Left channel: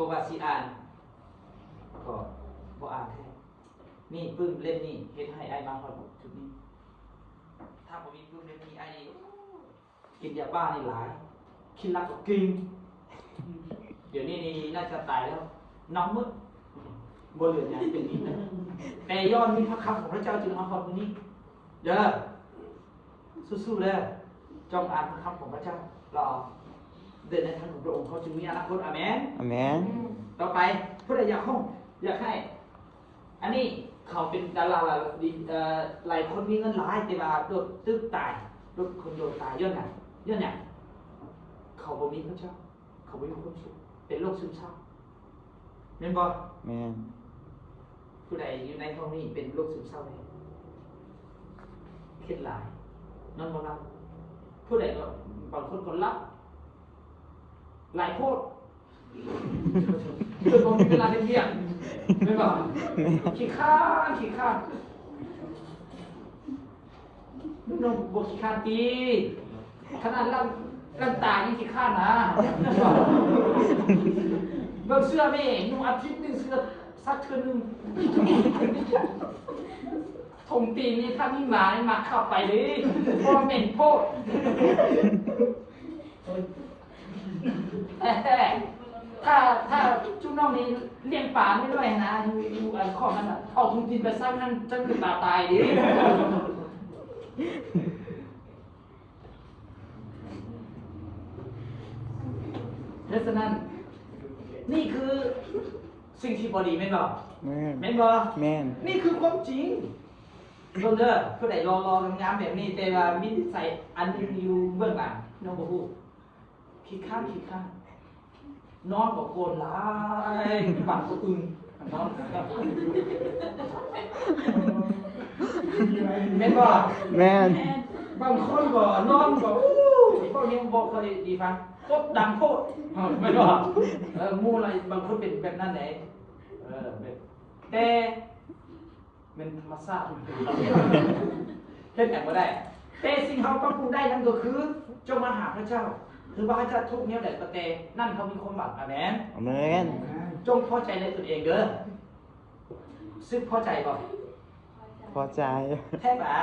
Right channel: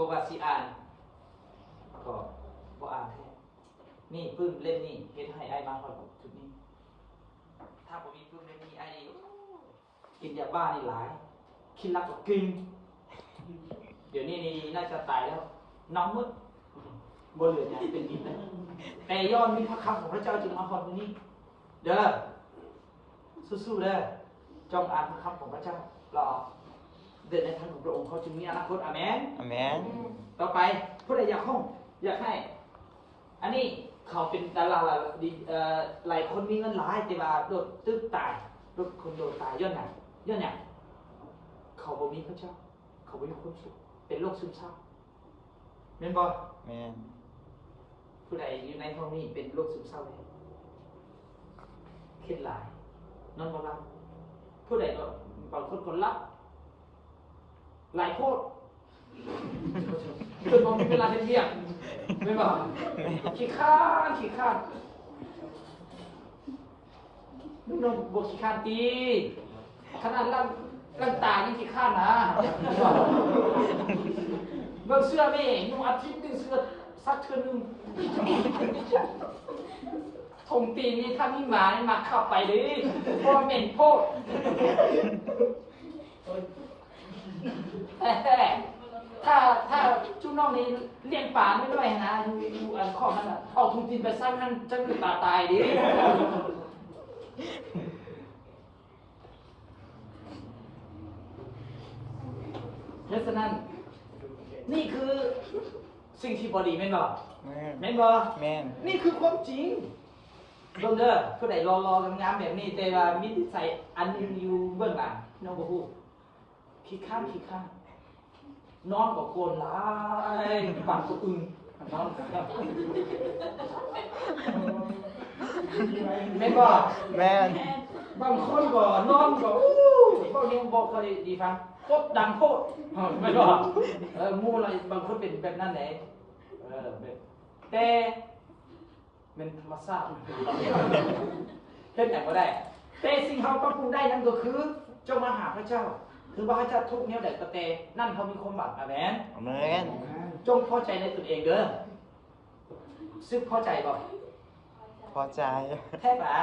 บอกว่าสิอ่านก็บ่อ่านแค่นี่ปื้มเล่นนี่เฮ็ดให้ไอ้น้องเขาถึงนี่ถ้าผมมีปื้มเล่นนี่ไอ้กินยาบ้าไม่หลายคิดนักก็กินเดี๋ยวนี้นี่น่าจะตายแล้วน้ำมืดบนเหลืออย่างเป็นนี้แต่ย้อนมีพระคำของพระเจ้าจึงทำความนี้เด้อสู้ๆเลยจงอ่านพระคำของพระเจ้าเราเดินในทางของพระองค์เขาจึงมีอนาคตอาเมนอาเมนต่อไปเพื่ออยากห้องอยากให้อันนี้เขาเป็นดาราหลายคนมีเงินหลายแต่ว่าโดนตึ๊บตายโดนคนโดนตายเยอะหน่อยเยอะเนี่ยเขาบ่มีพระเจ้าเขาไม่มีความสุขเป็นโรคซึมเศร้าแม่นบ่แม่นผู้ใดอยู่ในห้องนี้เป็นโรคซึมเศร้าเครียดหลังนั่งบนรับผู้ใดก็บางคนก็รับหลายโพดเรื่องของเวลาเรียนไม่ว่าขี้ข้าวนุ่มบกขี้ข้าวตีขนาดร่างตายยังขี้ข้าวนะเบิ่งเสื้อนี่ยุ่งอาทิตย์นึงเสื้อสักเทื่อนึงทงตีนี่ถ้ามีหลายมาเข้าไปเลยโคตรเหม็นโคตรแต่ถ้าจุ๊น้องนี่เลี้ยงป่าไม่ด้วยนะอยู่ไอ้ข้อนั้นเอาทุกทีไปสร้างนั่นจะคือตายดิเพราะฉะนั้นนี่คือสิ่งที่บดีไม่หรอกไม่หรอกนี่คือความจริงเบิ่งเด้อผู้ใดรองามแบบนี้แต่ว่ามีนิสัยอันอื่นอยู่เบื้องหลังน้องบ่รู้ขี้ข้านนอนกับโกนหลายฝันสะอึงนอนแม่นบ่แม่นบางคนก็นอนก็พวกนี้บ่ค่อยดีฟังตกดังโพดไม่บ่หมู่อะไรบางคนเป็นแบบนั้นแหละแต่มันมาทราบเป็นอย่างก็ได้แต่สิ่งที่เราต้องปรุงได้นั่นก็คือจงมาหาพระเจ้าหรือว่าพระเจ้าทุกเนี้ยแต่ประเตนั่นเขามีความหวังอาเมนอาเมนจงพอใจในตนเองเด้อซึ่งพอใจก่อนพอใจแท้หนา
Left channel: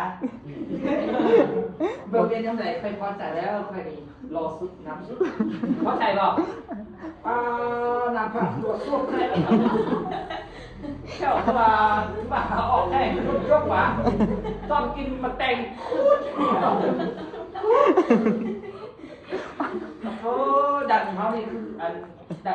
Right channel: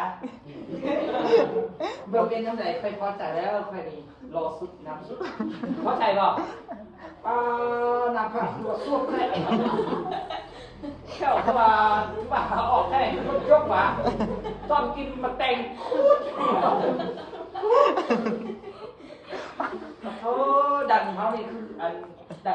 โดยเป็นยังไงเคยพอใจแล้วเคยรอสุดน้ำสุดพอใจบ่น้ำผักตัวสุดเลยเจ้ามาออกแค่ยกหวานตอนกินมาแต่ง